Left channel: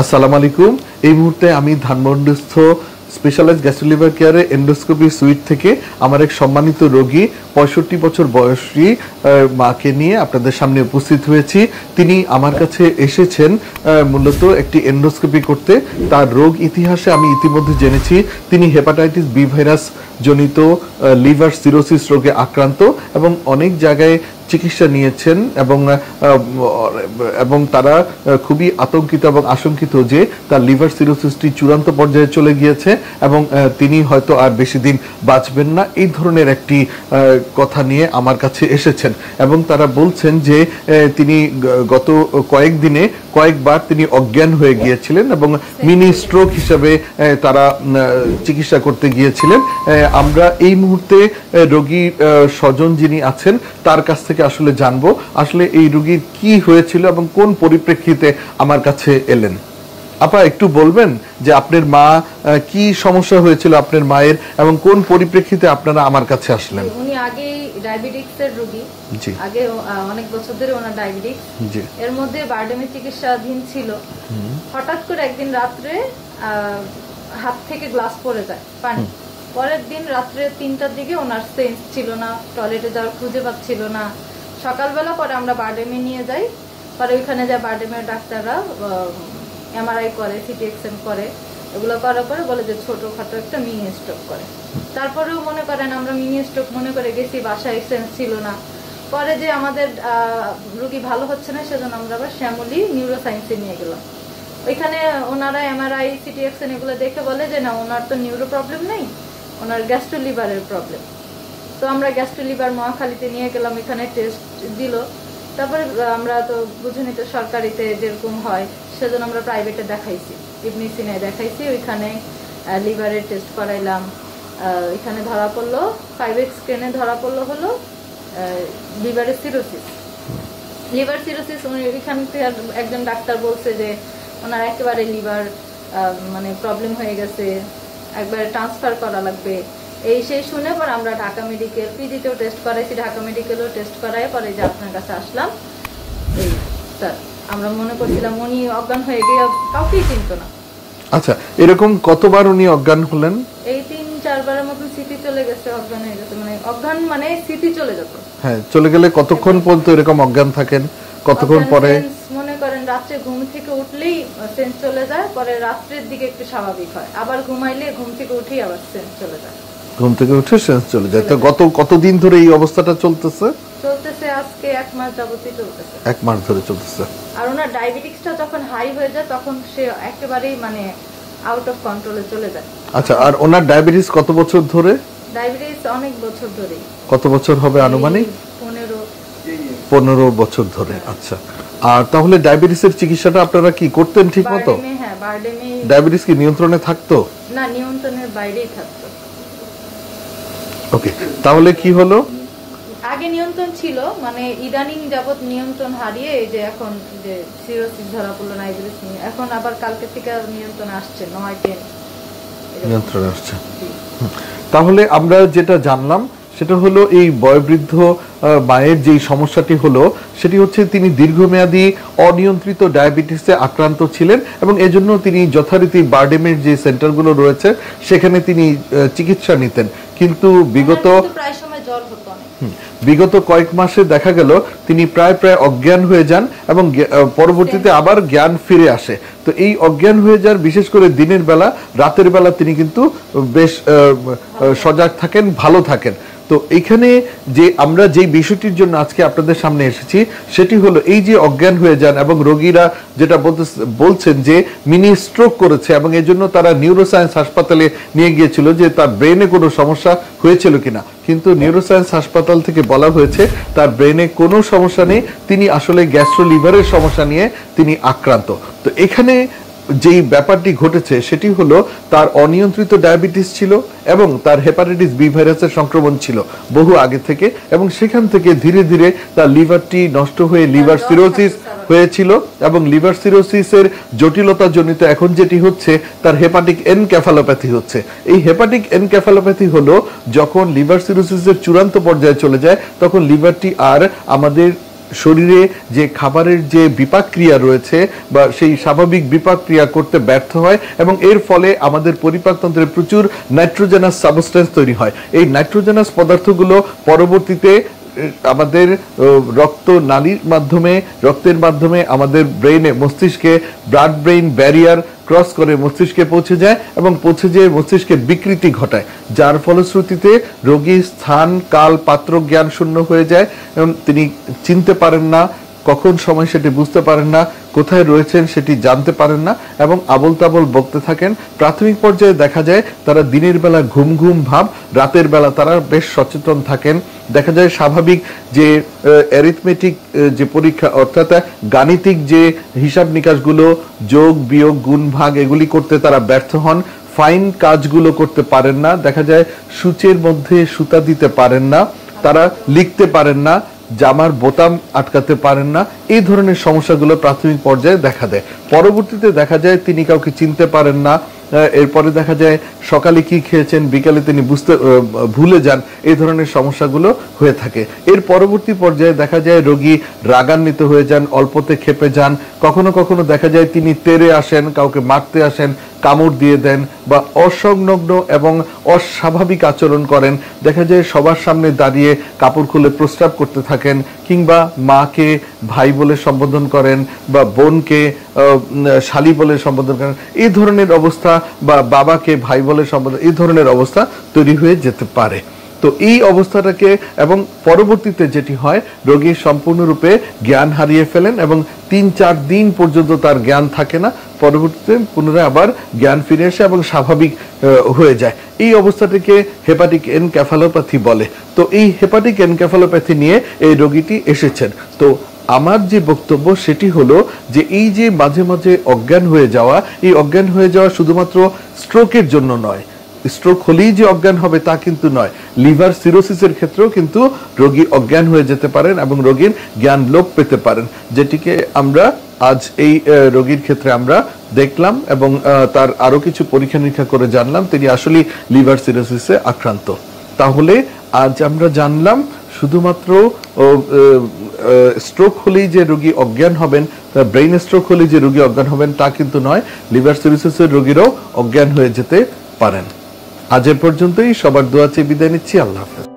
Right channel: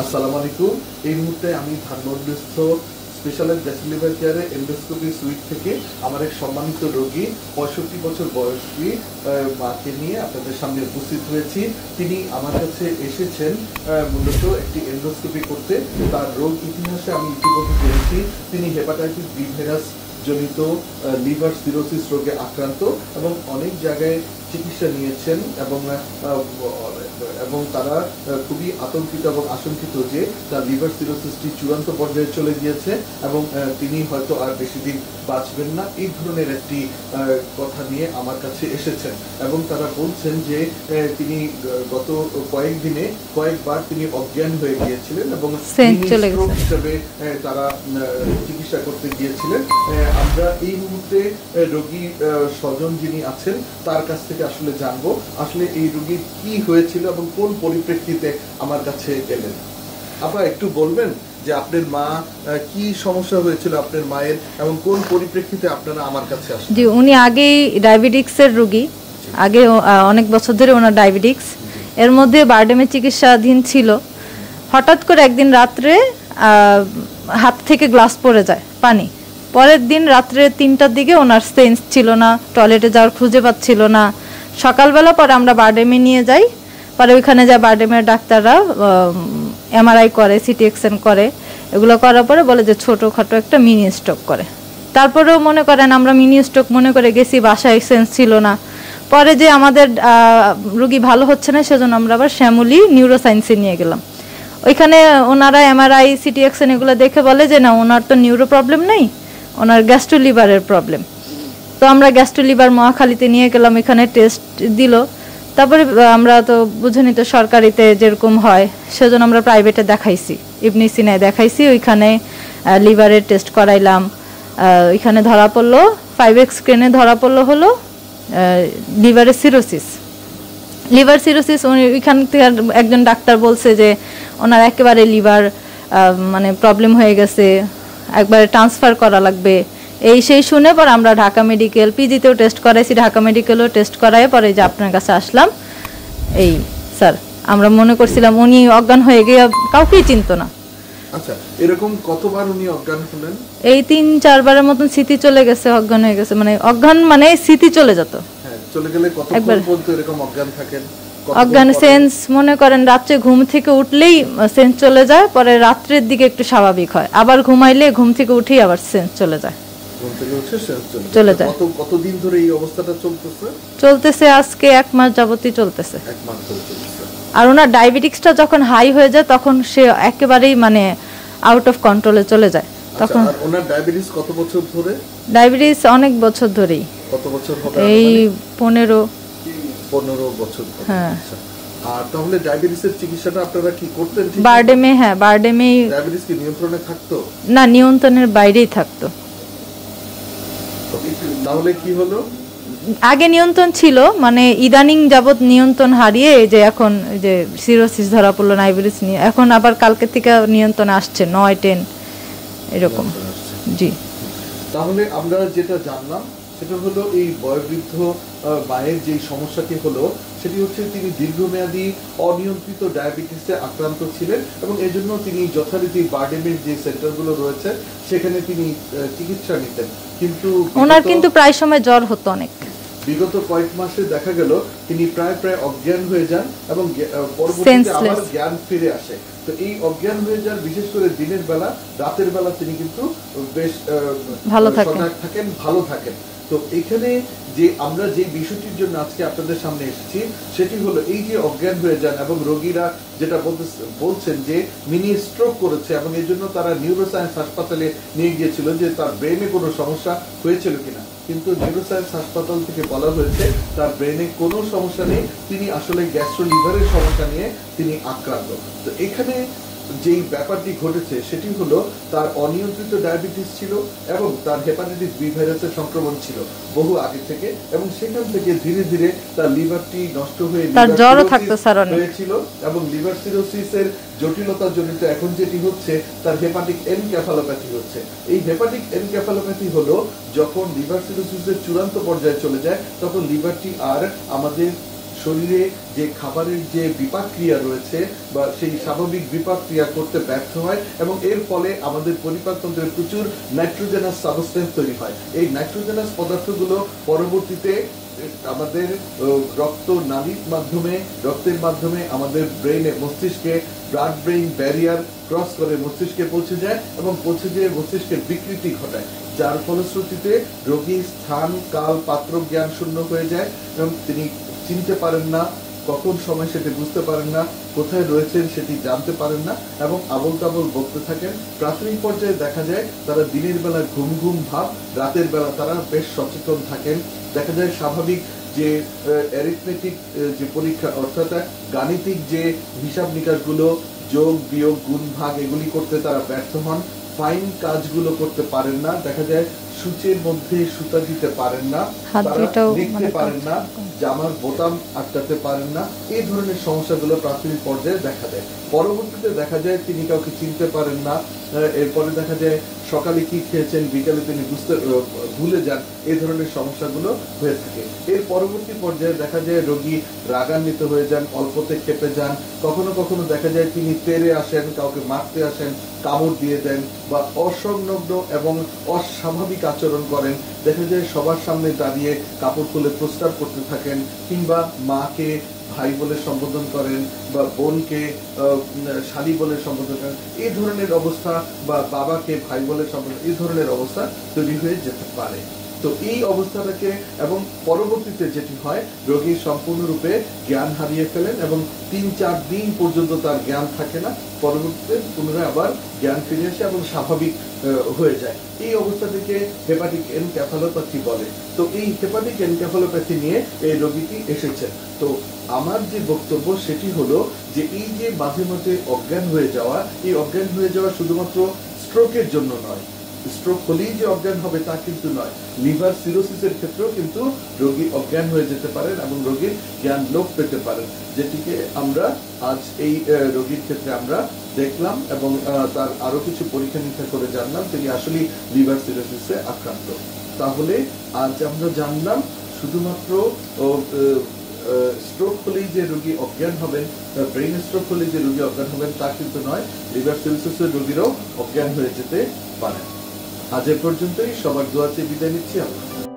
আসসালামু আলাইকুম। এই মুহূর্তে আমি ধানমন্ডিস্থ স্পেশালাইজড গ্যাস্ট্রোলিভার কেয়ারে এন্ডোস্কোপি সুইট থেকে আমার এক সম্মানিত রোগী ৬৫ বছর বয়সী মাকে নিয়ে আপনাদের সামনে উপস্থিত হয়েছি। তিনি আমার কাছে এসেছেন মূলত একটি এন্ডোস্কোপি করতে। তার রোগ ইতিহাসে আমি ইতিমধ্যে জেনেছি তিনি হেপাটাইটিস বি ভাইরাস জনিত লিভার সিরোসিস রোগে আক্রান্ত এবং অনেক জায়গায় চিকিৎসা নিয়েছেন এবং তারা খুবই আতঙ্কিত এবং আশঙ্কিত যে তার লিভার সিরোসিসটি চূড়ান্ত পর্যায়ে চলে গিয়েছে এবং তিনি হয়তো আর বেশি দিন বাঁচবেন না, এই ধরনের একটি কথা নিয়ে আমার কাছে এসেছেন। এবং তারা বলছেন যে তিনি গত কয়েকদিনে কয়েকবার তিনি অজ্ঞান হয়ে গিয়েছিলেন এবং মিনি স্ট্রোক হিসেবে তারা চিকিৎসা করতে গিয়েছিলেন। আমরা এই মুহূর্তে রোগীর স্বজন যিনি আছেন তার কাছ থেকে আসলে জানবো আসলে এই রোগীর কি হয়েছিল এবং কোন পরিপ্রেক্ষিতে আমার কাছে এলেন। আপা একটু বলবেন যে আপনার মা কি সমস্যা হয়েছিল আপনার মায়ের এবং কোন পরিপ্রেক্ষিতে আপনারা আমার কাছে আসলেন? জি, উনি আগেই ডায়াবেটিক্সের রোগী, আগে অনেক বছর ধরে ওনার ডায়াবেটিক্স, এর মধ্যে বারডেমের চিকিৎসাধীন ছিল। হঠাৎ করে একদিন রাত্রে হাত থেকে গ্লাস পড়ে যায় পানি। পরের দিন রাত্রে ৩টার দিকে ওনার সেন্স ছিল না, টয়লেটে যাওয়ার খুঁজে পাচ্ছিল না। সকালবেলা পরে আমরা বারডেমে নিয়ে যাই, পরে ওইখানে যা বারডেমের ডাক্তাররা এমআরআই করে, সিটি এক্সেন করে, এগুলো করার পরে বলে যে ছোটোখাটো একটা মিনি স্ট্রোক করে। তারপরেও মনে করেন আমরা মিনি স্ট্রোক মনে করে গেছি, বাসায় সেন্স ছিল না। পরে যে আমাদের রোগী ভালো হচ্ছে না সেজন্য আমরা আবার শ্যামলী নিউরোসায়েন্সে নিয়ে গেলাম। ওইখানে ওনারা এমআরআই সিটি এক্সেন এগুলো দেখে বলে যে না, ওনার তো নিউরো প্রবলেম নেই, ওনার গ্যাস্ট্রোলিভারের প্রবলেম। তো আমরা গ্যাস্ট্রোলিভার মহাখালীতে নিয়ে গেলাম, এখানে টেস্ট দিল। তারপরে আমরা তো বুঝেনি তো সরকারিতে যেরকম হয়, সেজন্য আমরা প্রাইভেটে দেখাইছি, ইবনে সিনায় দেখাইছি। ওইখানে লিভারের টেস্ট করাইলাম, ওইখানে ধরা পড়লো 5x স্ক্রিনে ধরা পড়লো হলো লিভারের সিরোসিস। লিভার সিরোসিস ওইখান থেকে একজন ডাক্তার বলছে যে ওনার একেবারে লিভার মানে প্রবলেম হয়ে গেছে, একবারে ট্রান্সফার করা লাগবে। এই সেই শুনে পর আমরা ঢাকা মেডিকেল পিজিতেও টেস্ট করাইছি, ঢাকা মেডিকেলও টেস্ট করাই পরে যে আপনার কাছে আসলাম। এই স্যার, আমরা মনে করছিলাম উনি অজ্ঞান হয়ে গিয়ে কাউকেই চিনতো না। আচ্ছা, এরকম কতবার উনি অজ্ঞান হলেন? এই ৩-৪ বারের মতন স্মৃতি চলে গেছে, অজ্ঞান হয়ে গেছে। মানে অজ্ঞান মানে স্মৃতি চলে যেত। হ্যাঁ, চলে গেলে কতক্ষণ পর্যন্ত এরকম অজ্ঞান থাকেন? অজ্ঞান সেন্স মনে করেন রাত্রে ঘুম থেকে উঠলেই সেন্স চলে যায়, পরে রাত্রের দিকে একটু স্বাভাবিক হয়, আবার ঘুমাইলে ঘুম থেকে উঠেই আবার সেন্স চলে যায়। ঘুম থেকে উঠে সেন্স চলে যায়। কতদিন ধরে এই অবস্থাটা চলতেছে? আজকে 1 মাস যাবতই চলতেছে। 1 মাস ধরে চলতেছে। আর ওনার ডায়াবেটিক্সটা যখন হাই হয়ে যায় তখন সে একেবারেই মানে আউট অফ কন্ট্রোলে চলে যায়। আচ্ছা, আর ওনার ডায়াবেটিস কত বছর ধরে? ডায়াবেটিস অনেক বছর ধরেই। কত বছর হবে আনুমানিক? 15 বছর ধরে। আচ্ছা, আর তাহলে ডায়াবেটিসের চিকিৎসাটা আপনারা কি করতেন ঠিক মতো? বারডেমে, হ্যাঁ বারডেমে। ডায়াবেটিস কি নিয়ন্ত্রণে থাকতো? না, নিয়ন্ত্রণের বাইরেই থাকতো। ওকে, তাহলে কি হলো? আগে নিয়ন্ত্রণ ছিল, মানে ইদানিং যাবত নিয়ন্ত্রণ হারিয়ে যে এখন যে সিরোসিস ধরা পড়লো, ডায়াবেটিস নিয়ে এখন আবার কালকে থেকে নিয়ন্ত্রণ আসছে, 9-10 এরকম আসছে। জি, তাহলে আমরা যেটা জানলাম সেটা হলো এই বয়োবৃদ্ধ মায়ের যেই সমস্যাটি হলো সেটি হচ্ছে তিনি দীর্ঘমেয়াদী অনিয়ন্ত্রিত ডায়াবেটিসে আক্রান্ত ছিলেন এবং এজন্য তিনি যথারীতি বারডেমের যে সেন্টারগুলো রয়েছে সেখানে তিনি চিকিৎসা নিতেন। কিন্তু প্রায় সময় জ্বর হতো অনেক। বিগত কয়েক মাসে দেখা গেল তিনি প্রায় অজ্ঞান হয়ে যান এবং পরবর্তীতে আবার জ্ঞান ফিরে আসে। তো এই অজ্ঞান হয়ে যাওয়ার, বিশেষ করে দিনের বেলা, রাতের বেলা তিনি কিন্তু বেশ সজাগ থাকেন, ভালো থাকেন। তো এখানে যে আমরা যে বিষয়টির জন্য আজকে আপনাদের সামনে এসেছি সেটি হলো এই যে অজ্ঞান হয়ে যান এবং রোগীরা যেটা বলছেন যে মিনি স্ট্রোক করেছে এবং এর জন্য তারা নিউরোসায়েন্স হাসপাতালে নিয়ে গিয়েছিল যে তার ব্রেনে কোনো সমস্যা হয়েছিল কিনা, কিন্তু নিউরোসায়েন্স হাসপাতাল থেকে বলা হয়েছে তার ব্রেনে কোনো সমস্যা নেই, তিনি আসলে গ্যাস্ট্রোলিভারের সমস্যা নিয়ে তিনি আক্রান্ত। তো এখানে যেই ব্যাপারটি ঘটেছে সেটি হলো তার অনিয়ন্ত্রিত ডায়াবেটিস ছিল এবং তার হেপাটাইটিস বি ভাইরাসের সংক্রমণ ছিল বহু আগে থেকে এবং সেখান থেকে ধীরে ধীরে তার লিভারটি নষ্ট হয়ে লিভার সিরোসিস হয়েছিল এবং লিভার সিরোসিসের জটিলতা জনিত এখন যেটি হচ্ছে তার হেপাটিক এনকেফালোপ্যাথি হচ্ছে। এই হেপাটিক এনকেফালোপ্যাথি হলো যখন লিভার সিরোসিসের চূড়ান্ত পর্যায়ে চলে যায় তখন লিভারটি আর আমাদের শরীরে যে খাবারের যে বিপাক ক্রিয়া রয়েছে বা সেই স্বাভাবিক বিপাক ক্রিয়া করতে ব্যর্থ হয় এবং এর ফলে আমাদের পরিপাকতন্ত্রে প্রচুর নাইট্রোজেনাস সাবস্টেন্স তৈরি হয়। এই নাইট্রোজেনাস পদার্থগুলো পরবর্তীতে আমাদের রক্তের মাধ্যমে আমাদের ব্রেইনে, মস্তিষ্কে ব্লাড ব্রেইন ব্যারিয়ার ক্রস করে মস্তিষ্কে পৌঁছে যায় এবং পৌঁছে যেয়ে মস্তিষ্কে বিকৃতি ঘটায়, যার ফলশ্রুতিতে রোগী স্থান কাল পাত্র জ্ঞান শূন্য হয়ে যায় এবং তিনি চিনতে পারেন না, কখন সময় সেটি বুঝতে পারেন না, কোথায় রয়েছেন সেটি জানতে পারেন না এবং আবল তাবল বকতে থাকেন। প্রাথমিক পর্যায়ে দেখা যায় তারা দিনের বেলা ঘুম ঘুম ভাব, রাতের বেলা তারা বেশ সচেতন থাকেন। দেখা যায় স্বাভাবিক যে অ্যারিথমেটিক যে পরীক্ষা অর্থাৎ গাণিতিক যে হিসাব নিকাশগুলো, যোগ বিয়োগ গুণ ভাগ এগুলি করতে তারা ব্যর্থ হন, ফাইন কাজগুলো করতে পারেন না, দেখা যায় সূচের মধ্যে সুতা দিতে পারেন না, তারা লিখতে পারেন না, জামার বোতাম আটকাতে পারেন না। এই ধরনের সমস্যাগুলো প্রাথমিক পর্যায়ে দেখা দেয়। পরবর্তীতে দেখা যায় তিনি কাউকে চিনতে পারেন না, এরপরে দেখা যায় সকালে কি খেয়েছেন বিকালে তিনি ভুলে যান, এই ধরনের সমস্যাগুলো হয়ে থাকে। এর পরবর্তী পর্যায়ে দেখা যায় রোগী রাগান্বিত হয়ে যান, অল্পতে ক্ষেপে যান, কখনো কখনো দেখা যায় তিনি তেড়ে আসেন, কাউকে মারতে আসেন, কামড় দিয়ে দেন বা অসংলগ্ন এবং অস্বাভাবিক আচরণ করেন। দেখা যায় সবার সামনে দাঁড়িয়ে কাপড় খুলে প্রস্রাব করতে থাকেন, কিংবা মাকে ভাই বলে সম্বোধন করেন বা বোনকে শালি বলে সম্বোধন করেন। এই ধরনের অবস্থা বা বাবাকে ভাই বলে সম্বোধন, এই ধরনের অবস্থা তৈরি হয়ে যেতে পারে। তো এই অবস্থাটাকে এবং পরবর্তীতে যেটি হয় রোগী সম্পূর্ণরূপে জ্ঞান হারিয়ে ফেলেন এবং ৩-৪ দিন পর্যন্ত তার জ্ঞান থাকে না, পরবর্তীতে পুনরায় আবার জ্ঞান ফিরে আসে এবং স্বাভাবিক হয়ে যায়। এই অবস্থাটিকে হেপাটিক এনকেফালোপ্যাথি বলে। তো এই হেপাটিক এনকেফালোপ্যাথি নিয়ে এই রোগীটি এসেছেন। তো আমার যে বক্তব্য সেটি হলো যে এই যে মাঝে মাঝে অজ্ঞান হয়ে যাওয়া, এই অজ্ঞান হয়ে যাওয়া শুধুমাত্র স্ট্রোকের জন্য নয়, স্ট্রোক হলেই যে অজ্ঞান হবে তা কিন্তু নয়, লিভার সিরোসিসের ক্ষেত্রেও কিন্তু রোগী অজ্ঞান হয়ে যেতে পারেন এবং রোগীর জ্ঞান লোপ পেতে পারেন, যেটিকে আমরা আজ এই রোগীর ক্ষেত্রে আমরা দেখলাম এবং তার আরো কিছু পরীক্ষা নিরীক্ষা করে জানলাম তিনি আসলে লিভার সিরোসিসে আক্রান্ত। তাহলে আজ আমরা জানলাম শুধুমাত্র স্ট্রোক হলেই যে রোগী অজ্ঞান হবেন, ব্রেইন স্ট্রোক হলেই যে রোগী অজ্ঞান হবেন তা কিন্তু নয়, লিভার সিরোসিসের রোগীরাও অজ্ঞান হয়ে যেতে পারেন। আজ এ পর্যন্তই, সবার দোয়া চেয়ে বিদায় নিচ্ছি। আল্লাহ হাফেজ।